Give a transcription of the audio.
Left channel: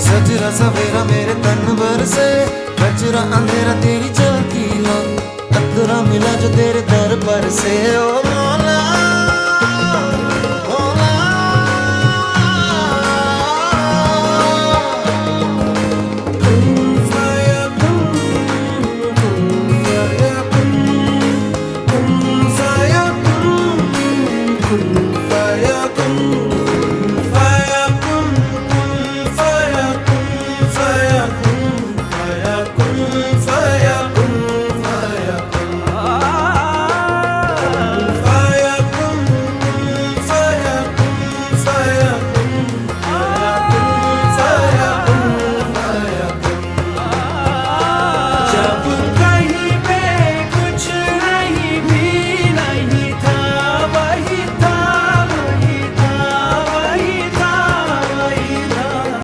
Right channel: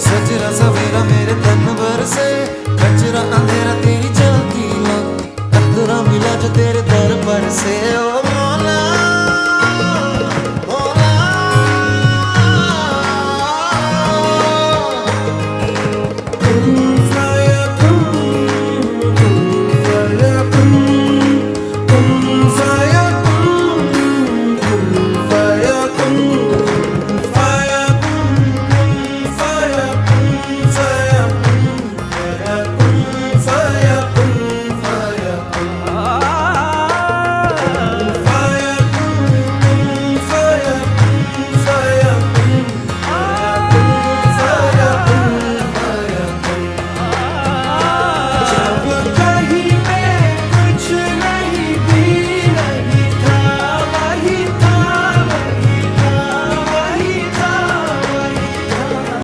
सजरा सवेरा मेरे तन भर से, कचरा अंधेरा तेरी जलती ला, कतरा मिला जो तेरे दर पर से। ओ मौला